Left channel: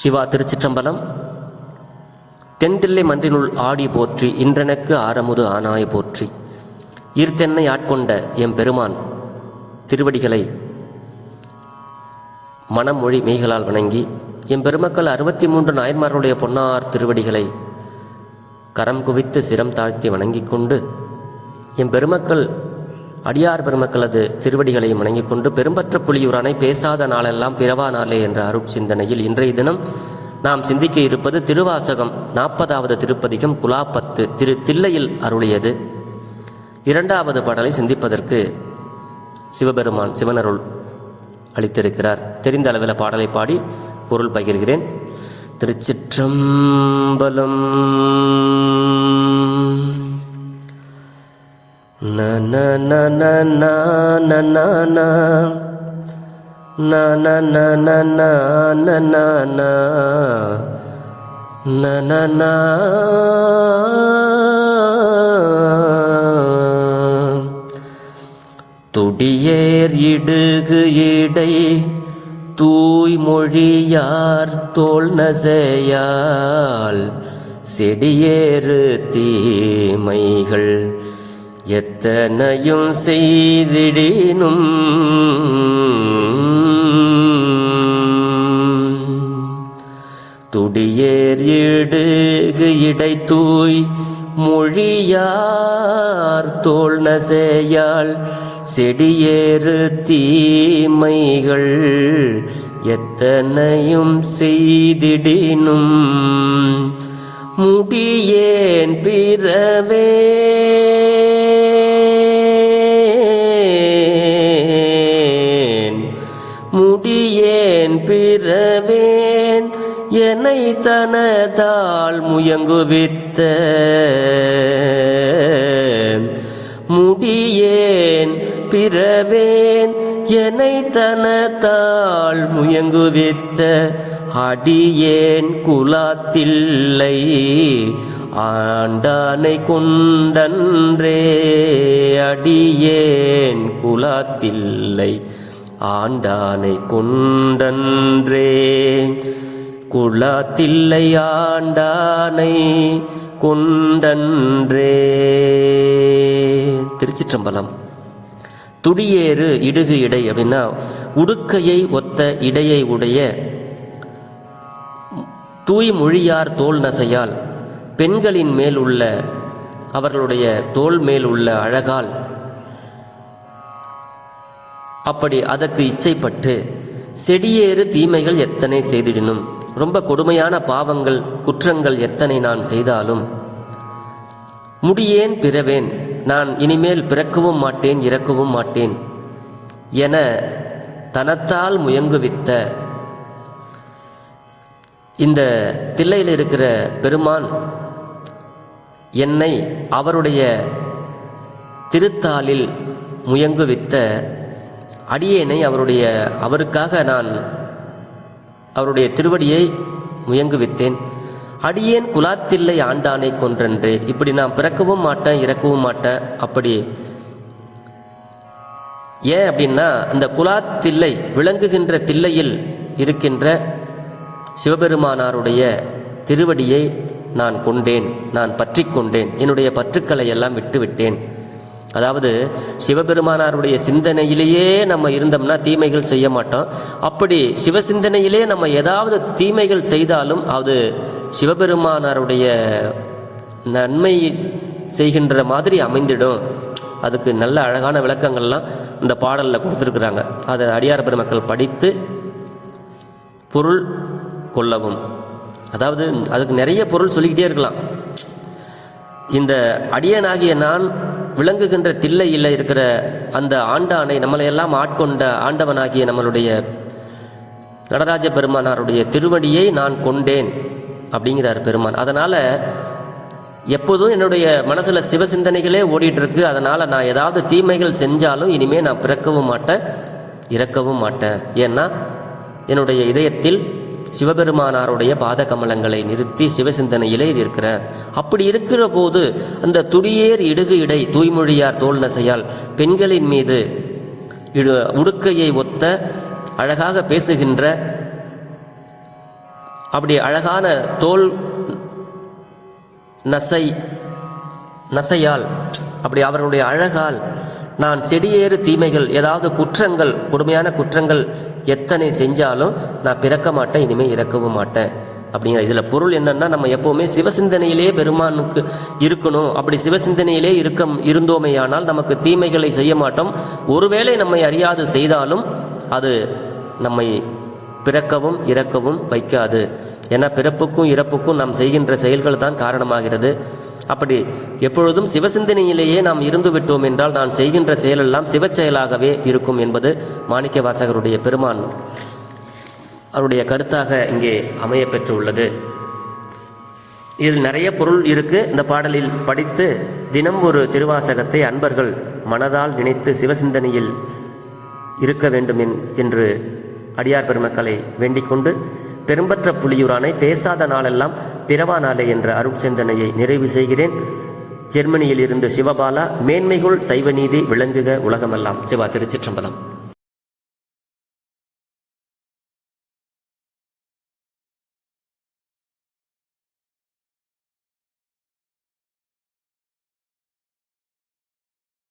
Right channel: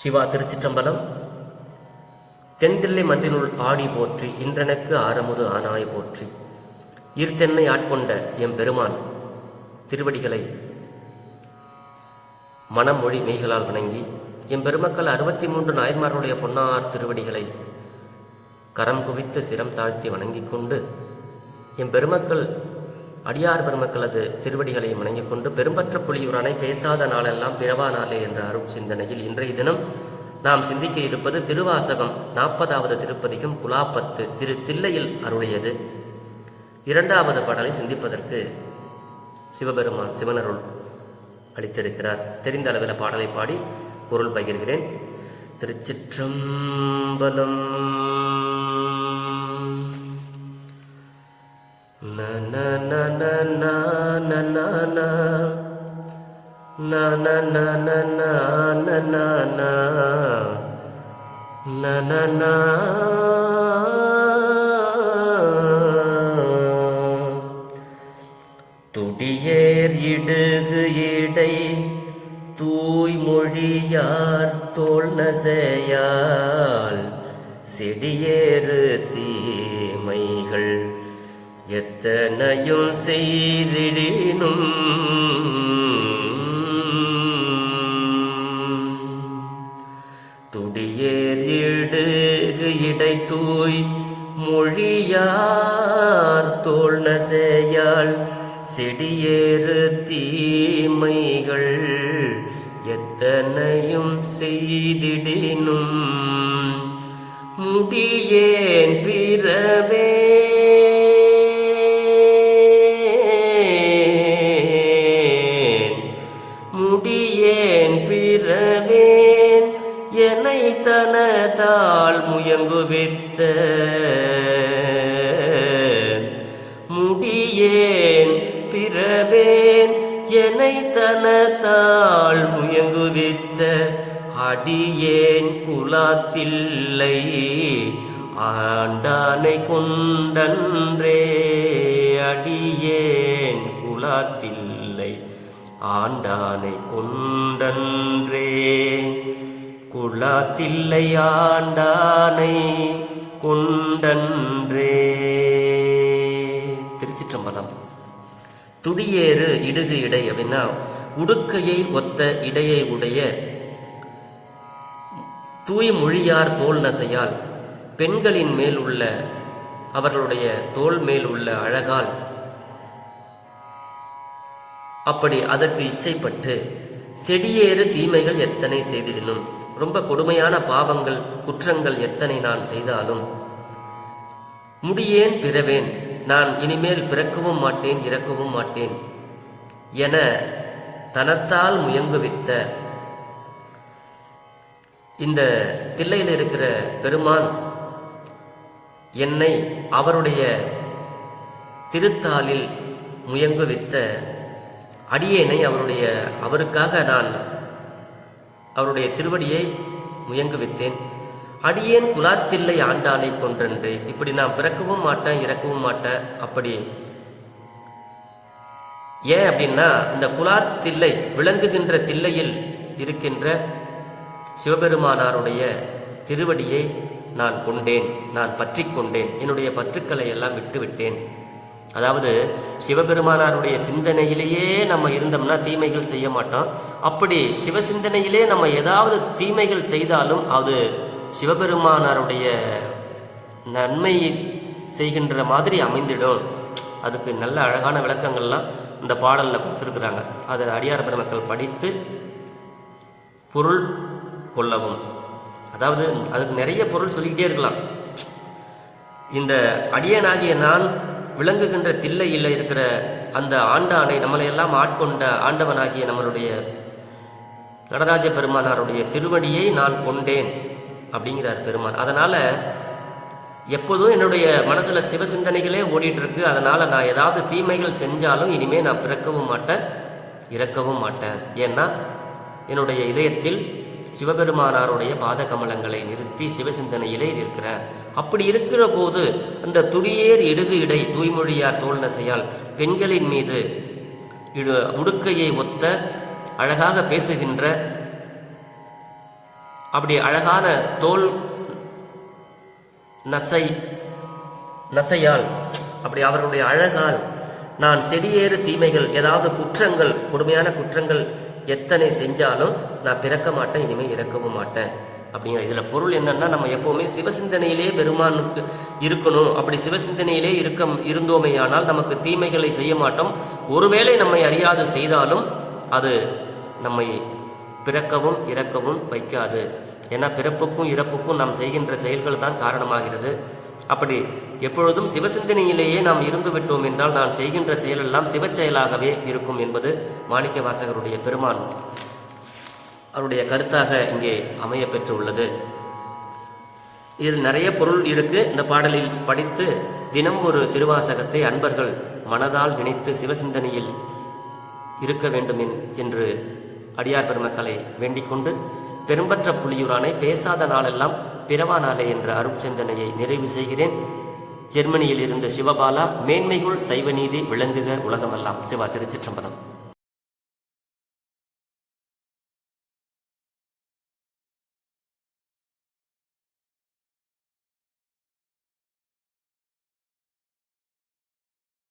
சிவா திருச்சிற்றம்பலம். தென்தில்லை மந்தினுள் ஆடி போற்றி இன்றெனக்கு ஆரமுது ஆனாய் போற்றி. ஈர்த்தென்னை ஆட்கொண்ட எம் பெருமான் திருவடிகளை மனமொழி மெய்களால் வணங்கி எம் பெருமக்கள் அறுபத்தி மூன்று நாயன்மார்களுடைய பொன்னார் திருவடிகளை கரம் குவித்து சிரம் தாழ்த்தி வணங்கிக் கொண்டு எம் பெருமக்கள் அடியார் பெருமக்களது திருவடிகளை வணங்கிக் கொண்டு பெரும்பற்ற புலியூரானை பேசாத நாளெல்லாம் பிறவா நாளே என்ற அருட்சிந்தனையில் இன்றைய தினம் நாம் சிந்திக்க இருப்பது திருவாசகம் நாற்பதாவது திருப்பதிகம் குலாப்பத்து திரு தில்லையில் அருளியது. இரண்டாவது பாடலை சிந்திப்பதற்கு சிவபெருமான் சிவனருள் அளித்திருக்கிறார். தெரிந்த அளவில் பாடலை பாடி பொருள் பகிர்கிறேன். திருச்சிற்றம்பலம் துடியேர் இடுகு இடை தூய்மொழியார் தோல் நசையால் செடியேறு தீமைகள் எத்தனையும் செய்திடினும். துடியேர் இடுகு இடை தூய் மொழியார் தோல் நசையால் செடியேறு தீமைகள் எத்தனையும் செய்திடினும். முடியேன் பிற பிறவேன் என்னை தனதால் முயங்குவித்த முடியேன் பிறவேன். என்னை தனதால் முயங்குவித்த அடியேன் குலாத்தில்லை. ஆண்டானை கொண்டன்றே அடியேன் குலாத்தில்லை. ஆண்டானை கொண்டன்றே. குலாத்தில்லை ஆண்டானை கொண்டன்றே. திருச்சிற்றம்பலம். துடியேறு இடுகு இடை அப்படின்னா உடுக்கையை ஒத்த இடையை உடைய தூய் மொழியார் தோல் நசையால் பெண்களின் மேல் உள்ள அவர்களுடைய தோல் மேல் உள்ள அழகால் அப்படி அதற்கு இச்சைப்பட்டு செடியேறு தீமைகள் எத்தனை செய்திடனும் ரொம்ப கொடுமையான பாவங்கள் குற்றங்கள் எத்தனை நான் செய்தாலும்? முடியேன் பிறவேன் நான் இனிமேல் பிறக்கவும் மாட்டேன் இறக்கவும் மாட்டேன் என தனத்தால் முயங்குவித்த இந்த தில்லையில் இருக்கிற பெருமான் என்னை அவருடைய திருத்தாளில் முயங்குவித்த அடியேனை அவருடைய அவருக்காக நான் அவருடைய திருவடியை முயங்குவித்தேன். அடியேன் குலாத்தில்லை ஆண்டானை கொன்றென்று. இப்படி நான் பிறக்கவும் மாட்டேன் இறக்கவும் மாட்டேன் அப்படி. ஏன் அப்படின்னா அந்த குலாத்தில்லை விளங்குகின்ற தில்லையில் இருக்கின்ற சிவபெருமானாருடைய திருவடியை நான் கொண்டேன் நான் பற்றி கொண்டேன். என்னுடைய பற்றுக்களை எல்லாம் விட்டுவிட்டேன். அதாவது சிவபெருமானாருடைய சிந்தனையிலேயே நம்ம இருந்தோம்னா தீமைகள் செய்ய மாட்டோம். அப்படி சிவசிந்தனையிலே நம்ம ஏதாவது தீமைகள் செய்தாலும் அது சிவபெருமானாருடைய நன்மை செய்கின்ற மாதிரி அமைந்திடும். அதுக்கு நல்ல அழகான விளக்கங்கள்லாம் இந்த பாடலில் கொடுத்துருக்குறாங்க. அதை அடியார் பெருமக்கள் படித்து பொருள் கொள்ளவும். அதாவது அதுக்கு நிறைய பொருள் சொல்லிக்கிட்டே இருக்கலாம். இந்த அடியனாகிய நான் விளங்குகின்ற தில்லையில் இருக்கிற அந்த ஆண்டானை நம்மளை எல்லாம் ஆட்கொண்ட ஆண்டவனாகிய நம்மளுடைய நடராஜ பெருமானாருடைய திருவடியை நான் கொண்டேன் அப்படிங்கிறார் பெருமான். அதனால் எப்போதும் என்னுடைய மனசில் சிவசிந்தனைகளே சிந்தனைகளே இருக்கு அதனால் நான் ஏதாவது தீமைகள் செஞ்சாலும் இனிமேல் நான் பிறக்கவும் மாட்டேன் இறக்கவும் மாட்டேன். ஏன்னா என்னுடைய இதயத்தில் சிவபெருமானாருடைய பாத கமலங்களை நிறுத்தி சிவசிந்தனையிலே இருக்கிறேன் அப்படி இருக்கிற போது அந்த துடியேர் இடுகு இடை தூய்மொழியார் தோல் நசையால் பெண்களின் மீது இடு உடுக்கையை ஒத்த அழகாக பேசுகின்ற அப்படி அழகான தோல் நசை நசையால் அப்படி அவர்களுடைய அழகால் நான் செடியேறு தீமைகள் ஏதாவது குற்றங்கள் கொடுமையான குற்றங்கள் எத்தனை செஞ்சாலும் நான் பிறக்க மாட்டேன் இனிமே இறக்கவும் மாட்டேன். அப்படிங்கிற இதில் பொருள் என்னன்னா நம்ம எப்போவுமே சிவசிந்தனையிலே பெருமானுக்கு இருக்கணும். அப்படி சிவசிந்தனையிலே இருக்க இருந்தோமேயானால் நமக்கு தீமைகளை செய்ய மாட்டோம். ஒருவேளை நம்மை அறியாது செய்தாலும் அது நம்மை பிறக்கவும் இறக்கவும் வைக்காது. ஏன்னா பிறப்புக்கும் இறப்புக்கும் நாம் செய்கின்ற செயல்கள் தான் காரணமாகிறது. அப்படி எப்பொழுதும் சிவசிந்தனையிலேயே நாம் இருந்து விட்டோம் என்றால் நாம் செய்கின்ற செயலெல்லாம் சிவச் செயலாகவே இருக்கும் என்பது மாணிக்க வாசகருடைய பெருமான் அவருடைய கருத்தாக இங்கே அமைய பெற்றுள்ளது. இதில் நிறைய பொருள் இருக்கு. இந்த பாடலில் படித்து தினம் ஒரு திருவாசகத்தை அன்பர்கள் மனதால் நினைத்து சிவசிந்தனையில் இருக்க வேண்டும் என்- என்று அடியார் பெருமக்களை வேண்டிக் கொண்டு பெரும்பற்ற புலியூரானை பேசாத நாளெல்லாம் பிறவா நாளே என்ற அருட்சிந்தனையை நிறைவு செய்கிறேன். ஜெர்மனியில் இருந்த சிவபாலா மேன்மைகுள் சைவநீதி விளங்குக உலகமெல்லாம். சிவா திருச்சிற்றம்பலம்.